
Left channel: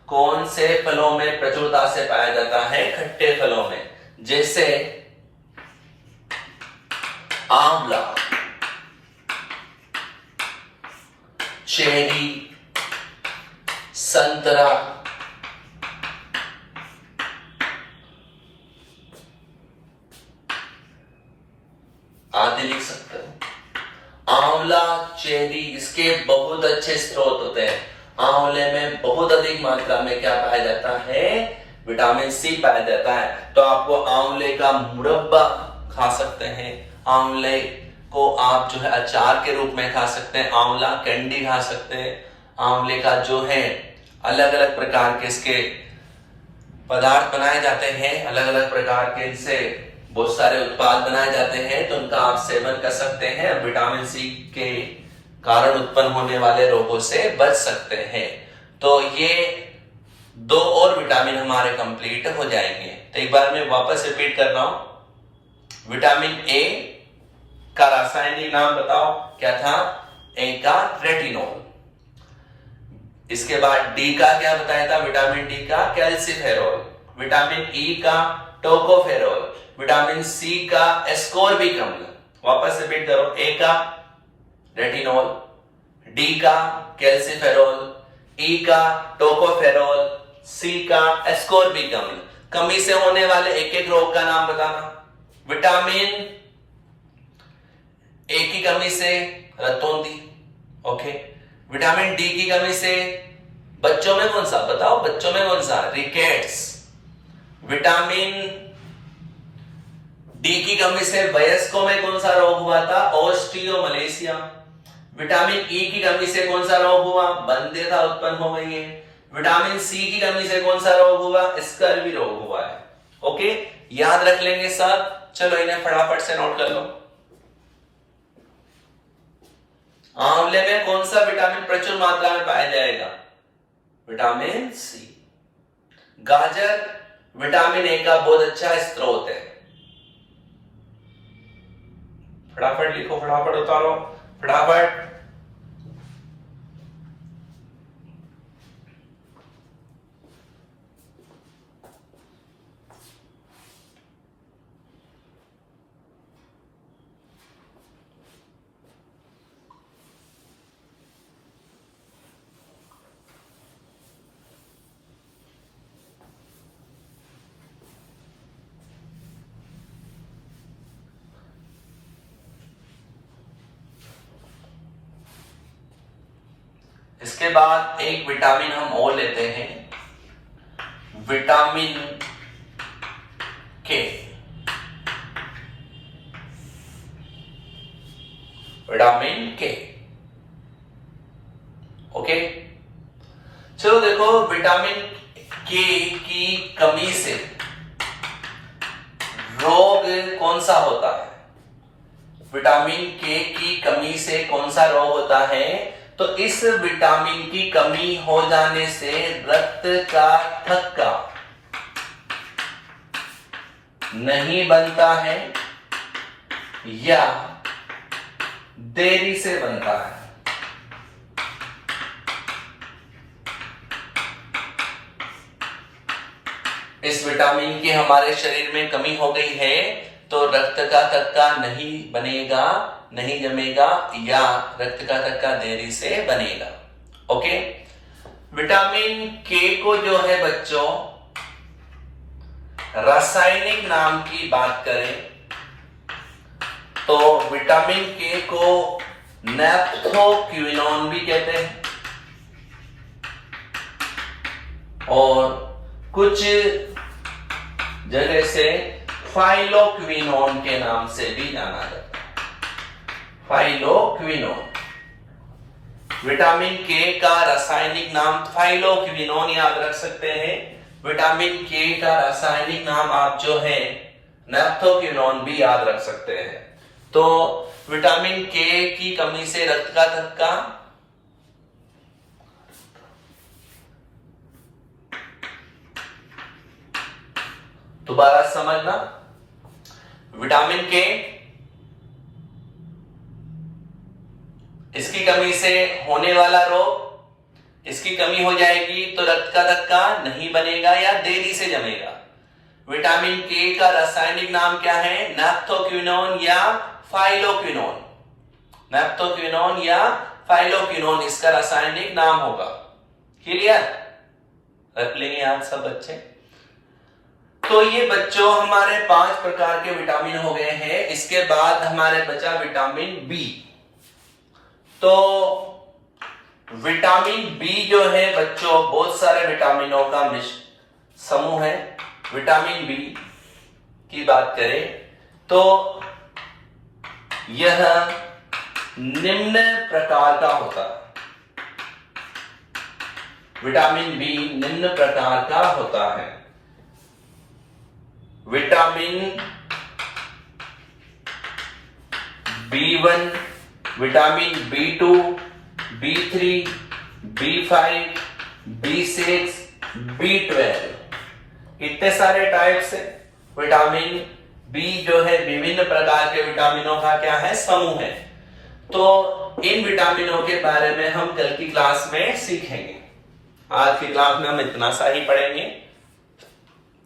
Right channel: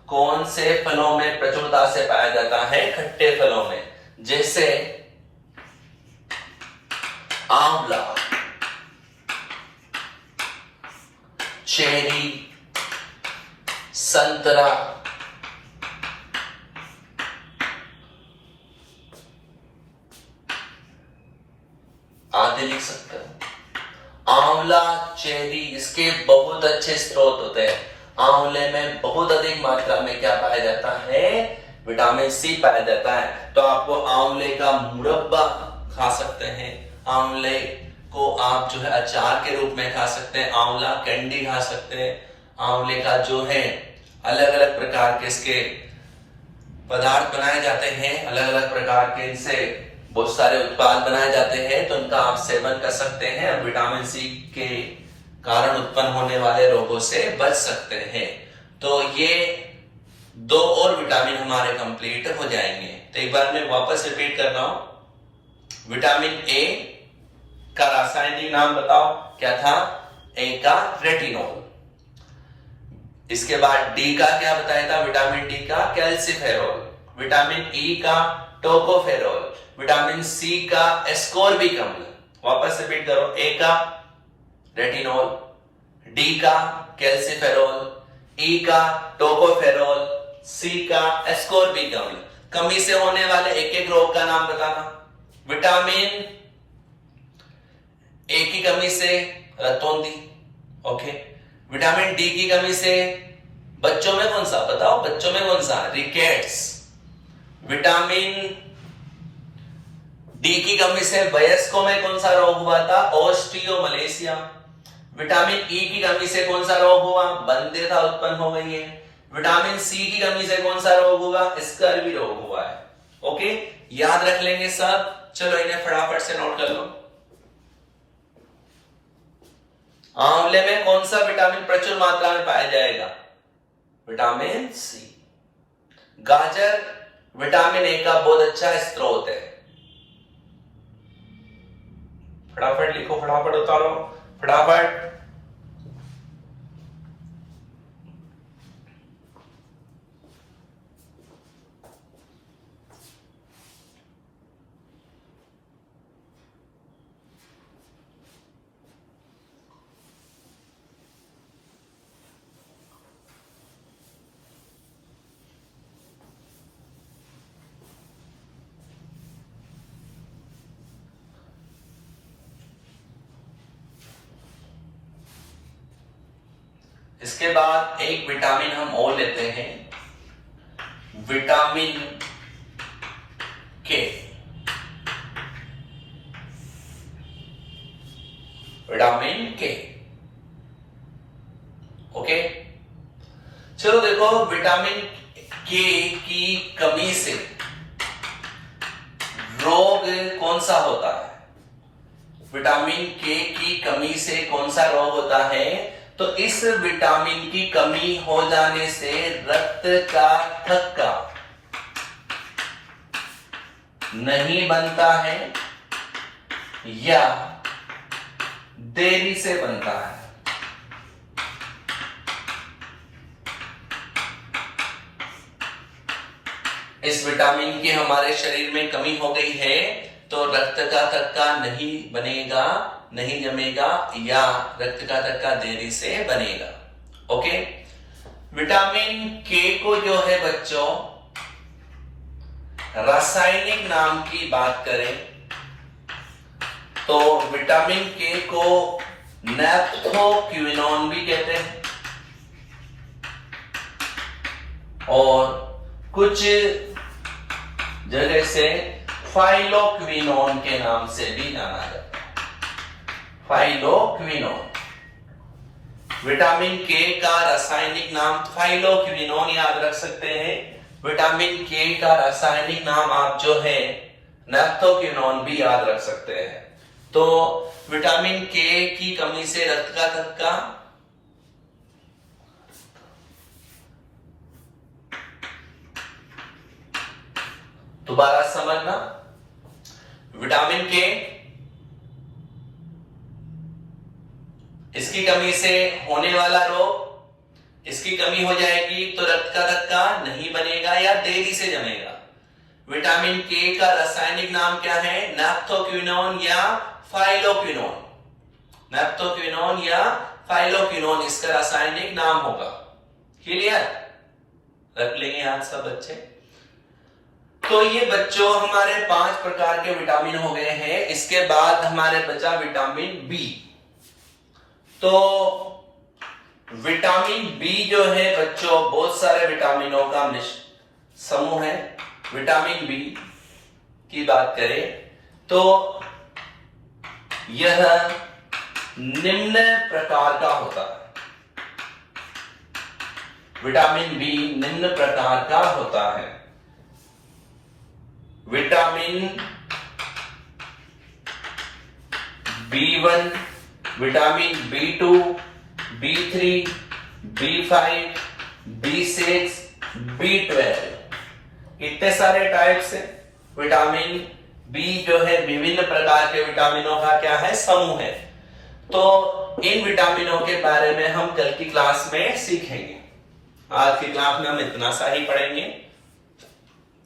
कौन से फलों में प्रचुरता से पाया जाता है, खट्टे फलों में, जैसे आंवला, चेरी, संतरा, आदि लिख सकते हो। आंवला, चेरी, इसके बहुत अच्छे स्रोत होते हैं। आंवले में बहुत अधिक मात्रा में क्या पाया जाता है, विटामिन सी पाया जाता है। तो आपको आंवले का मुरब्बा खा सकते हैं, आंवले को आप जो है अचार के रूप में खा सकते हैं, आंवला कैंडी खा सकते हैं। आंवले का जो है अलग अलग प्रकार के इसके पदार्थ बनाए जाते हैं, अलग अलग प्रकार के इनसे बहुत सारे उत्पाद बनाए जाते हैं, तो उनका आप सेवन कर सकते हैं, विटामिन सी के कारण उत्पन्न होने वाले रोगों से बच सकते हैं। तो ये दो और विटामिन हमारे कंप्लीट हो जाएंगे। तो एक बार मैं वापस रिपीट कर रहा हूं। विटामिन ए का रासायनिक नाम बताओ क्या था, ए का रेटिनोल। इसके बाद डी का क्या बताया था, विटामिन डी का कैल्सिफेरॉल। विटामिन ई का टोकोफेरॉल। विटामिन सी का एस्कोर्बिक अम्ल। वापस रिपीट करो, ए का रेटिनोल, डी का कैल्सिफेरॉल, ई का टोकोफेरॉल, सी का एस्कोर्बिक अम्ल। कमी से होने वाले एक एक रोग का नाम बताना। विटामिन ए की कमी से रतौंधी, ओके। विटामिन डी की कमी से बच्चों में कौन सा बताओ, बच्चों में कौन सा, रिकेट्स। विटामिन डी की कमी से वयस्कों में कौन सा रोग हुआ था, ऑस्टियोमलेशिया। विटामिन ई की कमी से कौन सा रोग हुआ, बंध्यता उत्पन्न हो गई है। विटामिन सी की कमी से कौन सा रोग हुआ, स्कर्वी रोग हुआ है। ओके, याद रख लेंगे सब। चलो इन्हें फटाफट से नोट कर लो। आंवले में कौन सा विटामिन प्रचुर मात्रा में पाया जाएगा, विटामिन सी। गाजर विटामिन ए का बहुत अच्छा स्रोत है। फटाफट लिखो, फटाफट उतारो, फटाफट। इसके बाद एक विटामिन हम और लेते हैं, विटामिन के। विटामिन के, ओके। चलो देखो, विटामिन के की कमी से रोग कौन सा होता है? विटामिन के की कमी से कौन सा रोग होता है? तो इस विटामिन की कमी हो जाने से रक्त का थक्का नहीं बनता है या देरी से बनता है। इस विटामिन की हमारे शरीर में कमी हो गई है तो रक्त का थक्का नहीं बनेगा, नहीं जमेगा, या रक्त का थक्का देरी से बनेगा। ओके, विटामिन के को जो है बच्चों, रासायनिक नाम की बात करें तो विटामिन के को नैप्थोक्विनोन भी कहते हैं और कुछ जगह से फाइलोक्विनोन के नाम से भी जाना जाता है। फाइलोक्विनोन, विटामिन के का रासायनिक नाम फाइलोक्विनोन याद रख सकते हैं। विटामिन के का रासायनिक नाम आप जो है नैप्थोक्विनोन भी याद रख सकते हैं। तो विटामिन के की कमी से रक्त का थक्का, दोबारा समझना, विटामिन के इसकी कमी से होने वाला रोग, इसकी कमी हो जाएगी तो रक्त का थक्का नहीं बनेगा या देरी से जमेगा। विटामिन के का रासायनिक नाम क्या है? नैप्थोक्विनोन या फाइलोक्विनोन। नैप्थोक्विनोन या फाइलोक्विनोन इसका रासायनिक नाम होगा। क्लियर? रख लेंगे आज सब बच्चे। तो ये बच्चों हमारे 5 प्रकार के विटामिन हो गए हैं। इसके बाद हमारे बचा विटामिन बी। तो विटामिन बी जो है बच्चों, बहुत सारे विटामिनों का समूह है। विटामिन बी की बात करें तो यह निम्न प्रकार का होता है। विटामिन बी निम्न प्रकार का होता है। Vitamin B1, vitamin B2, B3, B5, B6, B12, इतने सारे टाइप्स है। विटामिन बी जो है विभिन्न प्रकार के विटामिनों का क्या है? समूह है। तो इन विटामिनों के बारे में हम कल की क्लास में सीखेंगे। आज की क्लास में हम इतना सा ही पढ़ेंगे।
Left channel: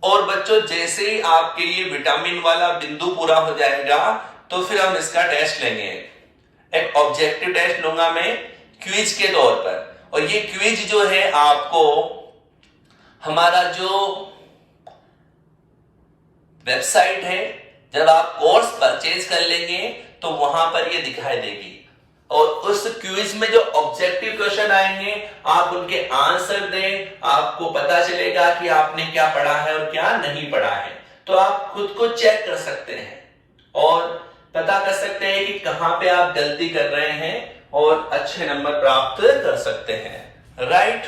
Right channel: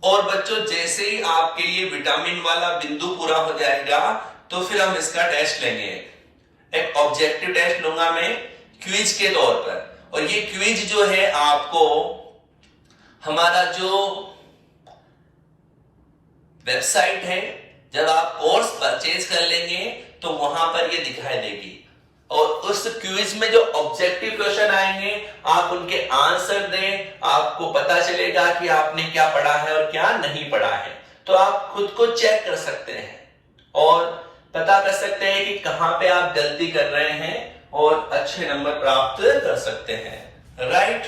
और बच्चों जैसे ही आपके लिए विटामिन वाला बिंदु पूरा हो जाएगा तो फिर हम इसका टेस्ट लेंगे। एक ऑब्जेक्टिव टेस्ट लूंगा मैं क्विज के तौर पर, और ये क्विज जो है आपको हमारा जो वेबसाइट है, जब आप कोर्स परचेज कर लेंगे तो वहां पर ये दिखाई देगी। और उस क्विज में जो ऑब्जेक्टिव क्वेश्चन आएंगे आप उनके आंसर दें, आपको पता चलेगा कि आपने क्या पढ़ा है और क्या नहीं पढ़ा है। तो आप खुद को चेक कर सकते हैं और पता कर सकते हैं कि कहां पे आप गलती कर रहे हैं और अच्छे नंबर प्राप्त कर सकते हैं। राइट?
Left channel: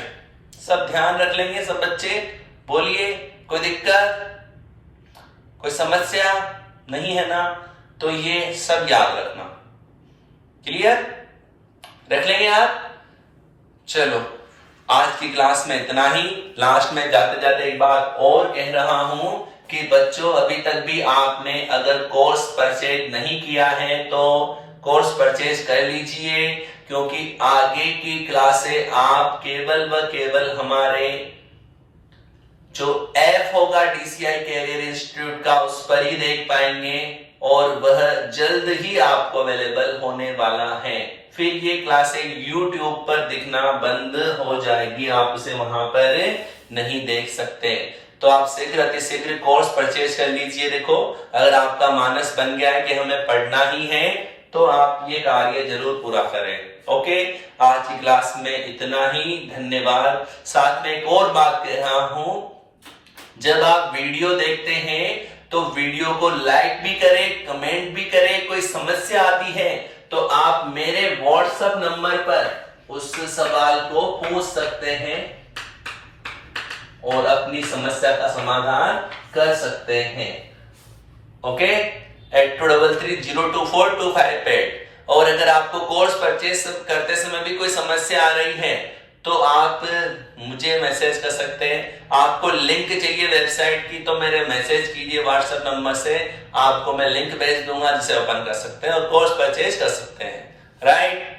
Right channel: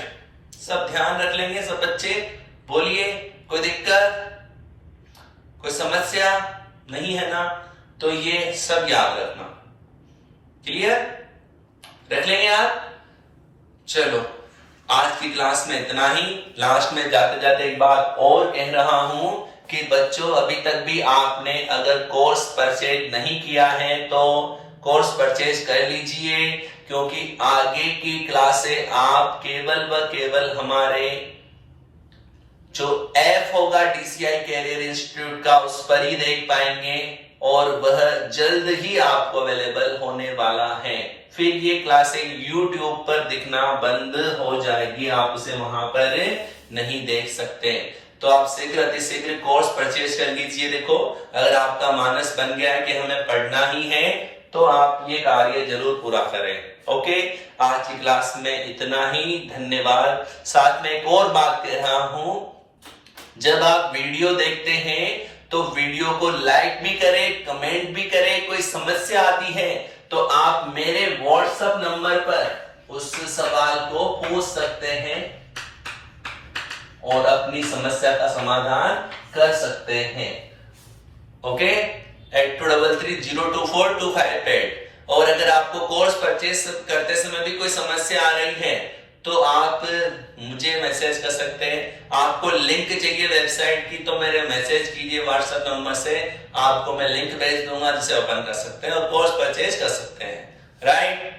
सब ध्यान रख लेंगे सब बच्चे। बोलिए, कोई दिक्कत, कोई समस्या नहीं है ना? तो ये सब याद रखना। क्लियर? रख लेंगे आप? चलो, आज की क्लास में इतना ही। लास्ट में जाते जाते एक बात और कह रहा हूं कि बच्चों अभी तक भी आपने अगर कोर्स परचेज नहीं किया है तो कोर्स परचेज कर लीजिए, क्योंकि आगे की क्लासें आप केवल व केवल हमारे जो ऐप होगा DCI कैरियर इंस्टीट्यूट का उस पर ही देख पाएंगे और वह जल्द ही आपको अवेलेबल होने वाला है। फिर ये क्लासें YouTube पर दिखना बंद हो जाएगी, आप उसे वहां पर नहीं देख सकते। तो आप शीघ्र अतिशीघ्र कोर्स परचेज कर लीजिए। देखो, अगर आपका मानस बन गया है कि हमें पढ़ना ही है तो आप ये कार्य जरूर पूरा करें। ओके, आज की क्लास में इतना ही, धन्यवाद। साथ में एक और बात कह रहा हूं, जब आप वीडियो देखते हैं तो वीडियो को लाइक भी करें, कमेंट भी करें। कोई समस्या आती है तो आप मेरे व्हाट्सएप नंबर पर उस सवाल को पूछ सकते हैं और अपनी समस्या का समाधान कर सकते हैं। ओके, 8233024258। और अगर आपको कोर्स परचेज करते समय भी कोई समस्या आ रही है तो आप मुझे मैसेज कर सकते हैं। आपको लिंक चाहिए वेबसाइट की तो मेरे मैसेज कीजिए व्हाट्सएप नंबर से, आपको मैं लिंक भेज दूंगा जिसे ओपन कर सकते हैं और कोर्स परचेज कर सकते हैं, राइट।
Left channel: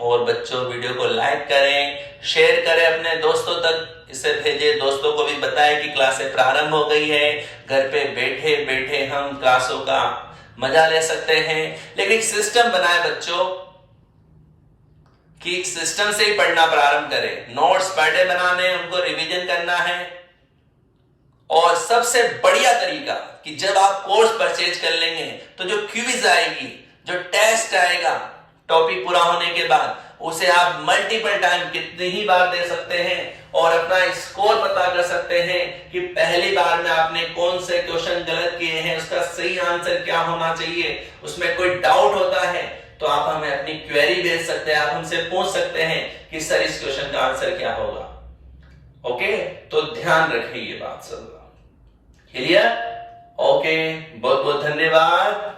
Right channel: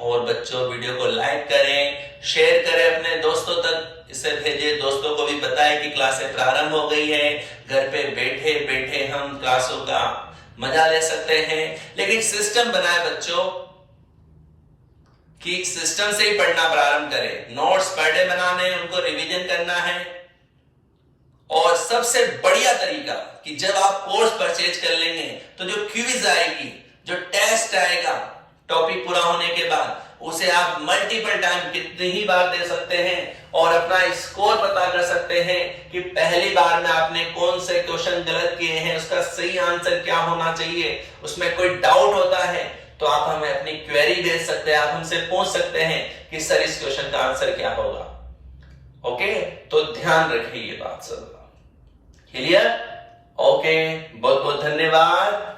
और बच्चों, वीडियो को लाइक करें, शेयर करें अपने दोस्तों तक, इसे भेजिए, दोस्तों को भी बताएं कि क्लासें प्रारंभ हो गई है। घर पे बैठे बैठे हम क्लासों का मजा ले सकते हैं, लेकिन सिस्टम बनाए बच्चों कि एक सिस्टम से ही पढ़ना प्रारंभ करें। नोट्स पर डे बनाने, उनको रिवीजन करना है। और सबसे बढ़िया तरीका कि जब आप कोर्स परचेज कर लेंगे तो जो क्विज आएगी, जो टेस्ट आएगा टॉपिक पूरा होने के बाद, उसे आप मल्टीपल टाइम कितनी ही बार दे सकते हैं और अपना स्कोर पता कर सकते हैं कि पहली बार में आपने कौन से क्वेश्चन गलत किए हैं, उसका सही आंसर क्या होना चाहिए। उसमें कोई डाउट होता है तो आप हमें अपनी क्वेरी भेज सकते हैं, आप हमसे पूछ सकते हैं कि सर इस क्वेश्चन का आंसर क्या होगा। ओके, तो ध्यान रखिए ये बात सब। क्लियर? ओके, बहुत बहुत धन्यवाद।